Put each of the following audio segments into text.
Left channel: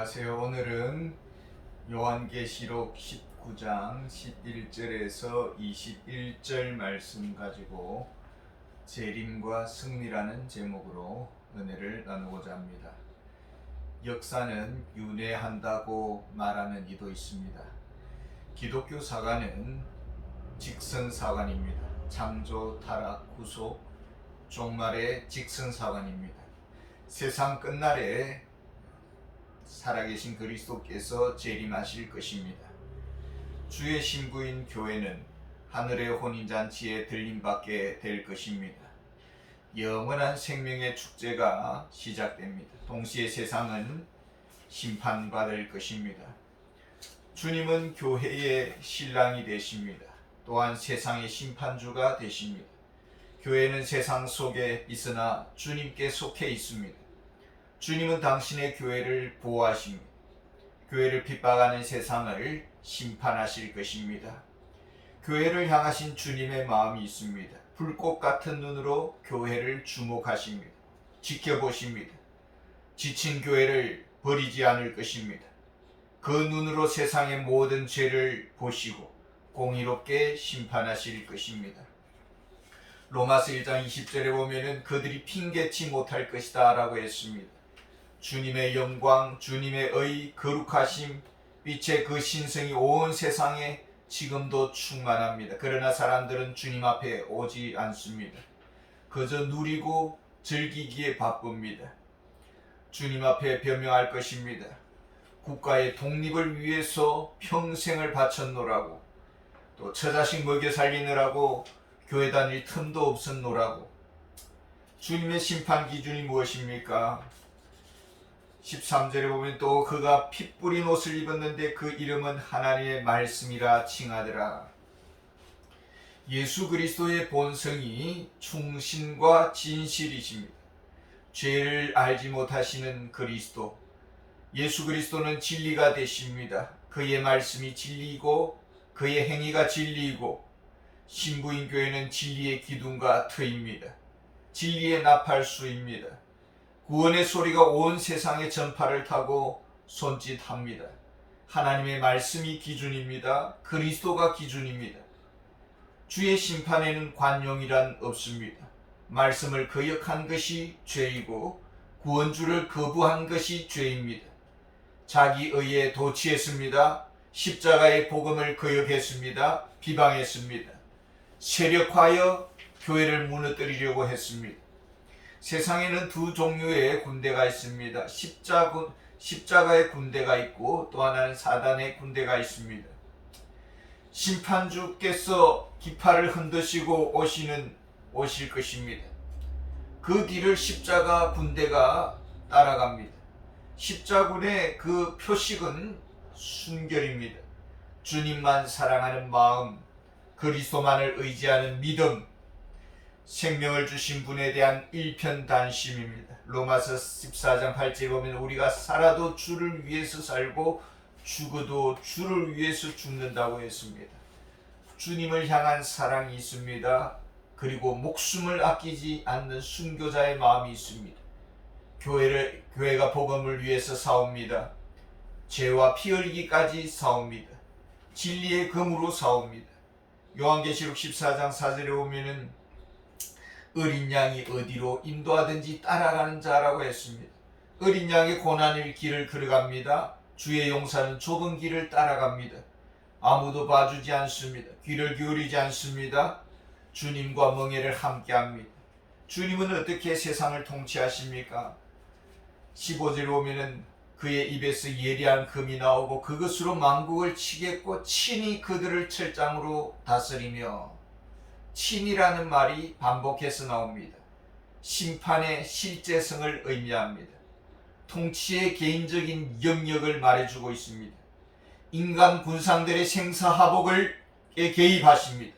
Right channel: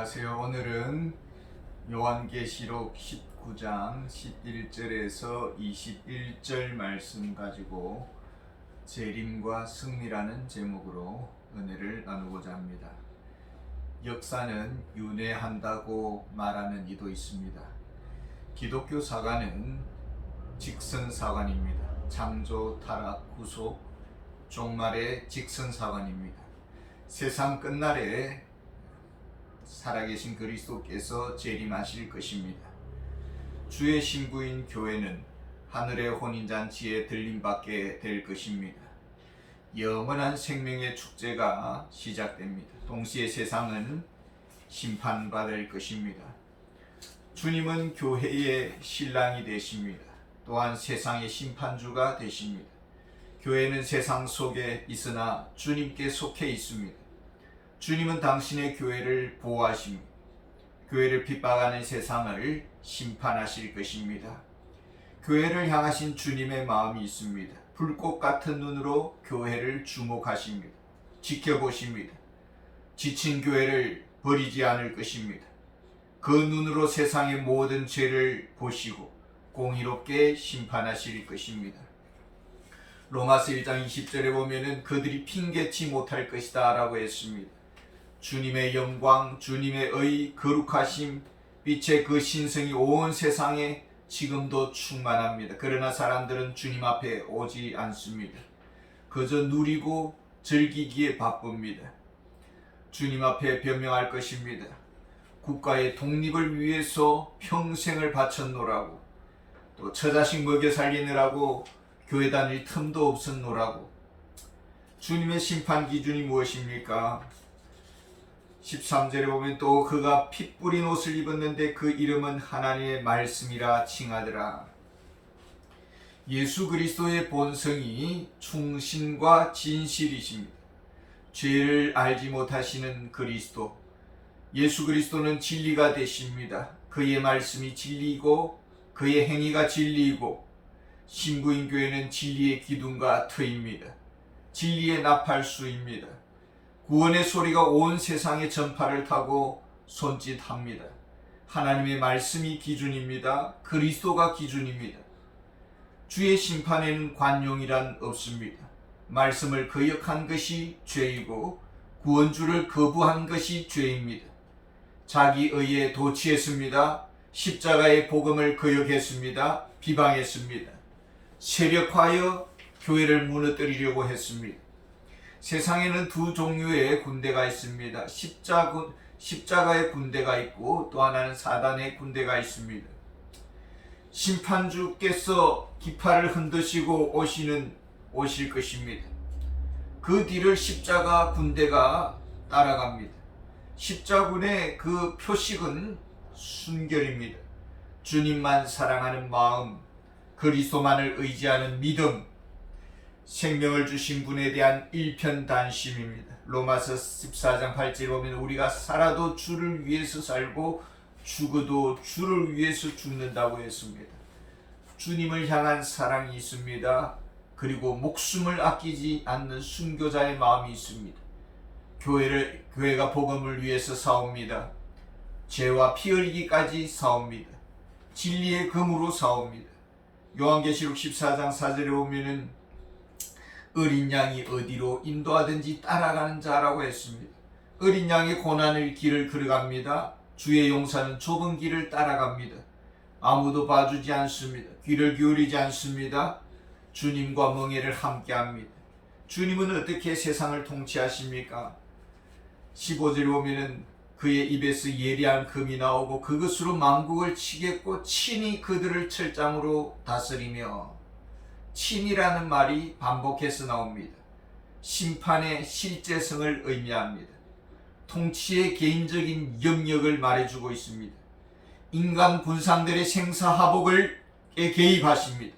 안녕하세요. 오늘은 요한계시록 19장 11절에서 21절 말씀 가지고 재림과 승리라는 제목으로 은혜를 나누고자 합니다. 역사는 윤회한다고 말하는 이도 있습니다. 기독교 사관은 직선사관입니다. 창조, 타락, 구속, 종말의 직선사관입니다. 세상 끝날에 살아계신 그리스도께서 재림하실 것입니다. 주의 신부인 교회는 하늘의 혼인잔치에 들림받게 될 것입니다. 영원한 생명의 축제가 시작됩니다. 동시에 세상은 심판받을 것입니다. 주님은 교회의 신랑이 되십니다. 또한 세상의 심판주가 되십니다. 교회는 세상 속에 있으나 주님께 속해 있습니다. 주님은 당신의 교회를 보호하십니다. 교회를 핍박하는 세상을 심판하실 것입니다. 교회를 향하신 주님의 마음이 있습니다. 불꽃 같은 눈으로 교회를 주목하십니다. 지켜보십니다. 지친 교회를 버리지 않을 것입니다. 그 눈으로 세상의 모든 죄를 보시고 공의롭게 심판하실 것입니다. 로마서 1장 20절에 보면은 그들이 핑계치 못할 것이다 라고 했습니다. 주님의 영광, 주님의 의, 거룩하심, 빛의 그 신성이 온 세상에 지금도 충만합니다. 그러나 사람들은 주님 앞에 오지 않습니다. 그저 누리고 즐기기에 바쁩니다. 주님 앞에 변명할 것입니다. 국가의 독립을 위해서 평생을 바쳤노라고, 또 처자식 먹여 살리느라고 교회 다닐 틈도 없었노라고. 주님의 심판 기준이 무엇입니까? 13절에 보면 또 그가 피 뿌린 옷을 입었는데 그 이름은 하나님의 말씀이라 칭하더라. 예수 그리스도의 본성이 충신과 진실이십니다. 죄를 알지 못하시는 그리스도, 예수 그리스도는 진리가 되십니다. 그의 말씀이 진리이고 그의 행위가 진리이고, 신부인 교회는 진리의 기둥과 터입니다. 진리의 나팔수입니다. 구원의 소리가 온 세상의 전파를 타고 손짓합니다. 하나님의 말씀이 기준입니다. 그리스도가 기준입니다. 주의 심판에는 관용이란 없습니다. 말씀을 거역한 것이 죄이고 구원주를 거부한 것이 죄입니다. 자기 의에 도취했습니다. 십자가의 복음을 거역했습니다. 비방했습니다. 세력화하여 교회를 무너뜨리려고 했습니다. 세상에는 두 종류의 군대가 있습니다. 십자가의 군대가 있고 또 하나는 사단의 군대가 있습니다. 심판주께서 깃발을 흔드시고 오실 것입니다. 그 뒤를 십자가 군대가 따라갑니다. 십자군의 그 표식은 순결입니다. 주님만 사랑하는 마음, 그리스도만을 의지하는 믿음, 생명을 주신 분에 대한 일편단심입니다. 로마서 14장 8절에 보면 우리가 살아도 주를 위해서 살고 죽어도 주를 위해서 죽는다고 했습니다. 주님을 향한 사랑이 있습니다. 그리고 목숨을 아끼지 않는 순교자의 마음이 있습니다. 교회가 복음을 위해서 싸웁니다. 죄와 피 흘리기까지 싸웁니다. 진리의 금으로 싸웁니다. 요한계시록 14장 4절에 보면은 어린 양이 어디로 인도하든지 따라가는 자라고 했습니다. 어린 양이 고난의 길을 걸어갑니다. 주의 용사는 좁은 길을 따라갑니다. 아무도 봐주지 않습니다. 귀를 기울이지 않습니다. 주님과 멍에를 함께합니다. 주님은 어떻게 세상을 통치하십니까? 15절에 보면은 그의 입에서 예리한 금이 나오고 그것으로 만국을 치겠고 친히 그들을 철장으로 다스리며, 친이라는 말이 반복해서 나옵니다. 심판의 실제성을 의미합니다. 통치의 개인적인 영역을 말해주고 있습니다. 인간 군상들의 생사화복에 개입하십니다.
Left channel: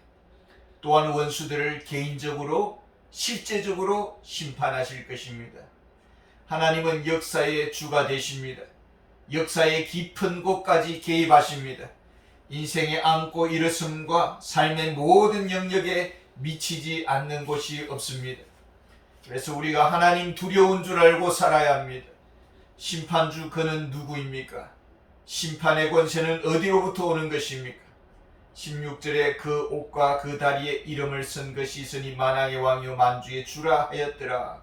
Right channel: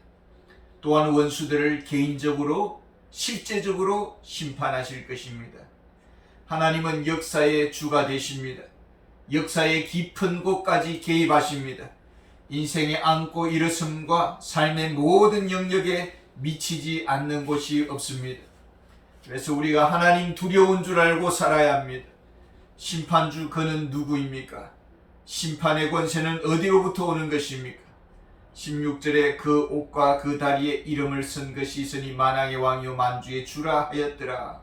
또한 원수들을 개인적으로 실제적으로 심판하실 것입니다. 하나님은 역사의 주가 되십니다. 역사의 깊은 곳까지 개입하십니다. 인생의 안고 일어섬과 삶의 모든 영역에 미치지 않는 곳이 없습니다. 그래서 우리가 하나님 두려운 줄 알고 살아야 합니다. 심판주 그는 누구입니까? 심판의 권세는 어디로부터 오는 것입니까? 16절에 그 옷과 그 다리에 이름을 쓴 것이 있으니 만왕의 왕이요 만주의 주라 하였더라.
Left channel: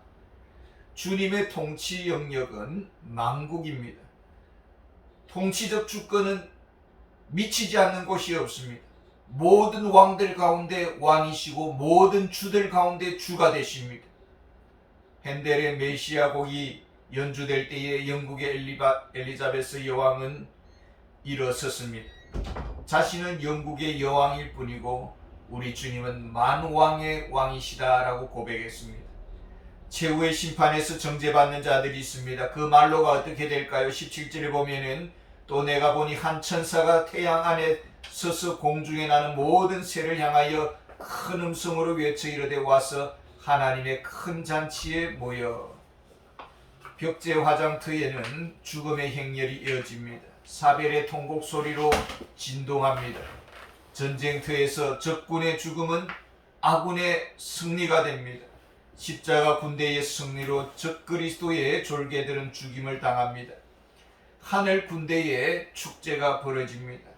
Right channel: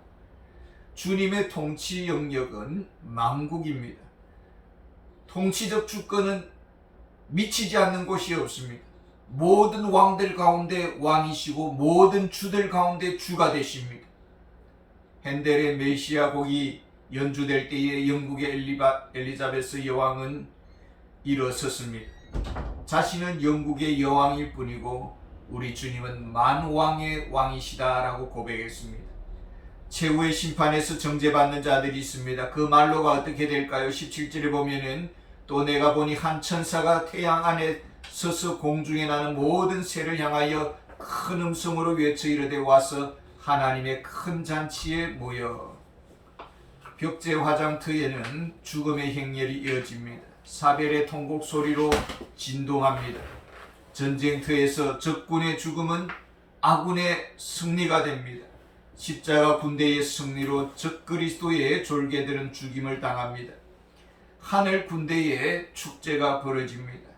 주님의 통치 영역은 만국입니다. 통치적 주권은 미치지 않는 곳이 없습니다. 모든 왕들 가운데 왕이시고 모든 주들 가운데 주가 되십니다. 핸델의 메시아 곡이 연주될 때에 영국의 엘리자베스 여왕은 일어섰습니다. 자신은 영국의 여왕일 뿐이고 우리 주님은 만왕의 왕이시다라고 고백했습니다. 최후의 심판에서 정죄받는 자들이 있습니다. 그 말로가 어떻게 될까요? 17절에 보면은 또 내가 보니 한 천사가 태양 안에 서서 공중에 나는 모든 새를 향하여 큰 음성으로 외쳐 이르되 와서 하나님의 큰 잔치에 모여. 벽제 화장터에는 죽음의 행렬이 이어집니다. 사벨의 통곡 소리로 진동합니다. 전쟁터에서 적군의 죽음은 아군의 승리가 됩니다. 십자가 군대의 승리로 적그리스도의 졸개들은 죽임을 당합니다. 하늘 군대의 축제가 벌어집니다.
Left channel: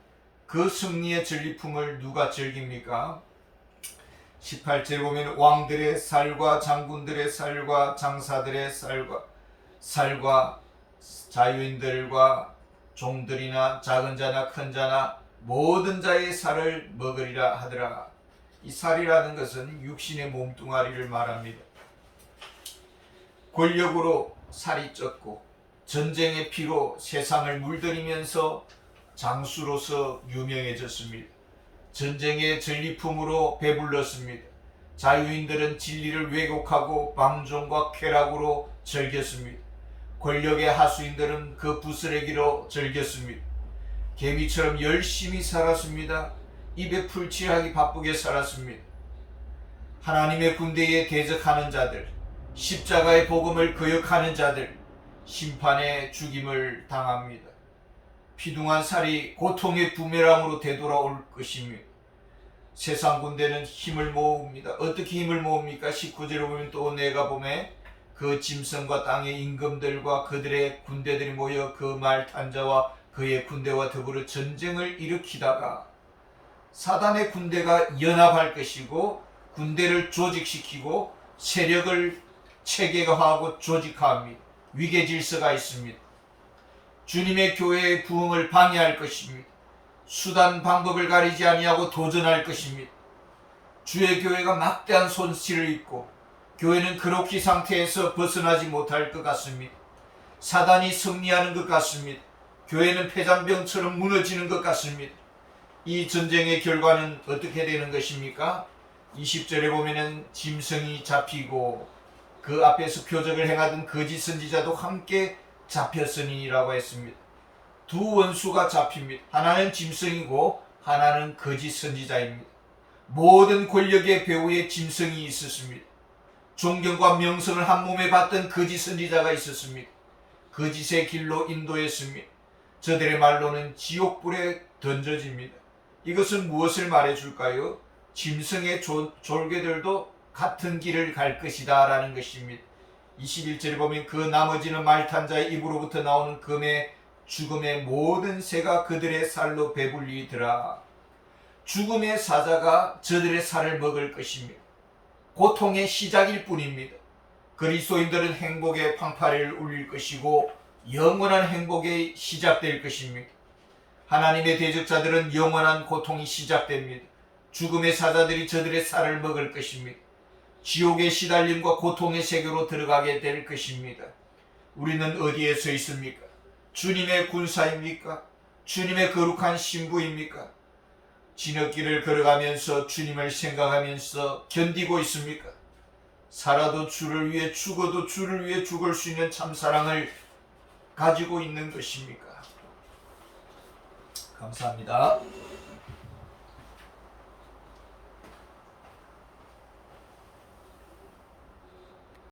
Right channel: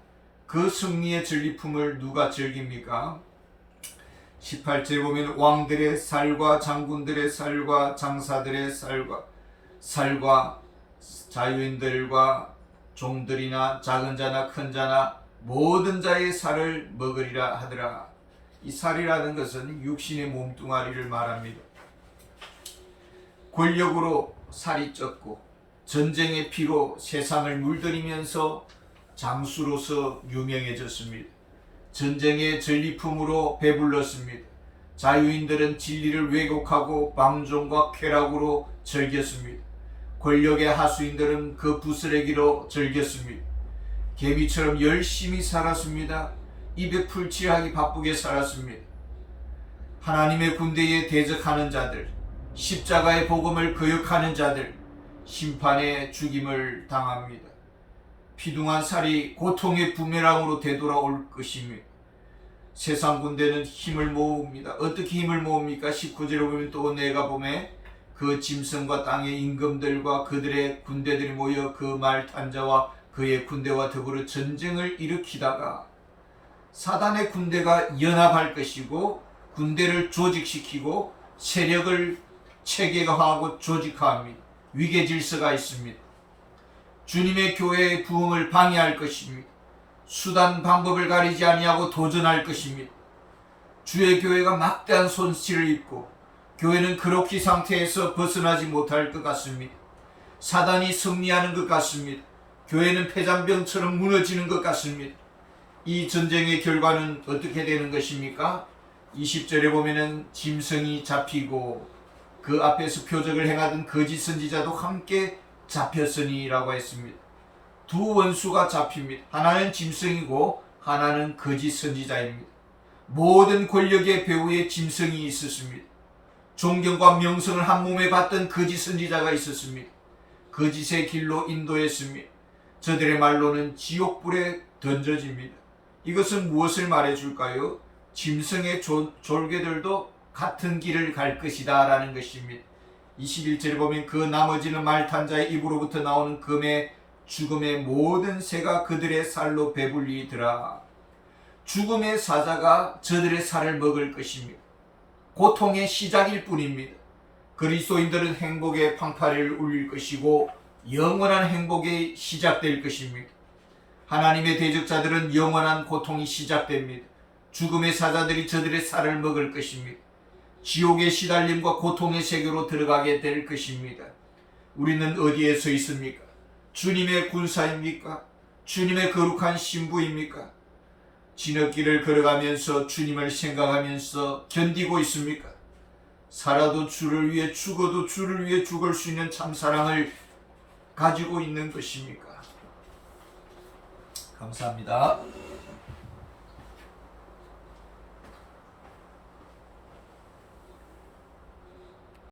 그 승리의 전리품을 누가 즐깁니까? 18절에 보면 왕들의 살과 장군들의 살과 장사들의 살과 자유인들과 종들이나 작은 자나 큰 자나 모든 자의 살을 먹으리라 하더라. 이 살이라는 것은 육신의 몸뚱아리를 말합니다. 권력으로 살이 쪘고 전쟁의 피로 세상을 물들이면서 장수로서 유명해졌습니다. 전쟁의 전리품으로 배불렀습니다. 자유인들은 진리를 왜곡하고 방종과 쾌락으로 즐겼습니다. 권력의 하수인들은 그 부스레기로 즐겼습니다. 개미처럼 열심히 살았습니다. 입에 풀칠하기 바쁘게 살았습니다. 하나님의 군대에 대적하는 자들, 십자가의 복음을 거역하는 자들, 심판의 죽임을 당합니다. 피둥한 살이 고통의 부메랑으로 되돌아올 것입니다. 세상 군대는 힘을 모읍니다. 어떻게 힘을 모읍니까? 19절에 보면 또 내가 보매 그 짐승과 땅의 임금들과 그들의 군대들이 모여 그 말 탄자와 그의 군대와 더불어 전쟁을 일으키다가 사단의 군대가 연합할 것이고 군대를 조직시키고 세력을 체계화하고 조직화합니다. 위계 질서가 있습니다. 주님의 교회의 부흥을 방해할 것입니다. 수단 방법을 가리지 아니하고 도전할 것입니다. 주의 교회가 막대한 손실을 입고 교회는 그렇게 상태에서 벗어나지 못할 것 같습니다. 사단이 승리하는 것 같습니다. 교회는 폐잔병처럼 무너지는 것 같습니다. 이 전쟁의 결과는 어떻게 되는 것입니까? 20절에 보면은 짐승이 잡히고 그 앞에서 표적을 행하던 거짓 선지자도 함께 잡혔으니 라고 했습니다. 두 원수가 잡힙니다. 하나는 짐승이고 하나는 거짓 선지자입니다. 모든 권력의 배후에 짐승이 있었습니다. 존경과 명성을 한 몸에 받던 거짓 선지자가 있었습니다. 거짓의 길로 인도했습니다. 저들의 말로는 지옥불에 던져집니다. 이것은 무엇을 말해줄까요? 짐승의 졸개들도 같은 길을 갈 것이다 라는 것입니다. 21절에 보면 그 나머지는 말탄 자의 입으로부터 나오는 금의 죽음의 모든 새가 그들의 살로 배불리더라. 죽음의 사자가 저들의 살을 먹을 것입니다. 고통의 시작일 뿐입니다. 그리스도인들은 행복의 방파를 울릴 것이고 영원한 행복이 시작될 것입니다. 하나님의 대적자들은 영원한 고통이 시작됩니다. 죽음의 사자들이 저들의 살을 먹을 것입니다. 지옥의 시달림과 고통의 세계로 들어가게 될 것입니다. 우리는 어디에 서 있습니까? 주님의 군사입니까? 주님의 거룩한 신부입니까? 지느길을 걸어가면서 주님을 생각하면서 견디고 있습니까? 살아도 주를 위해 죽어도 주를 위해 죽을 수 있는 참사랑을 가지고 있는 것입니까? 감사합니다.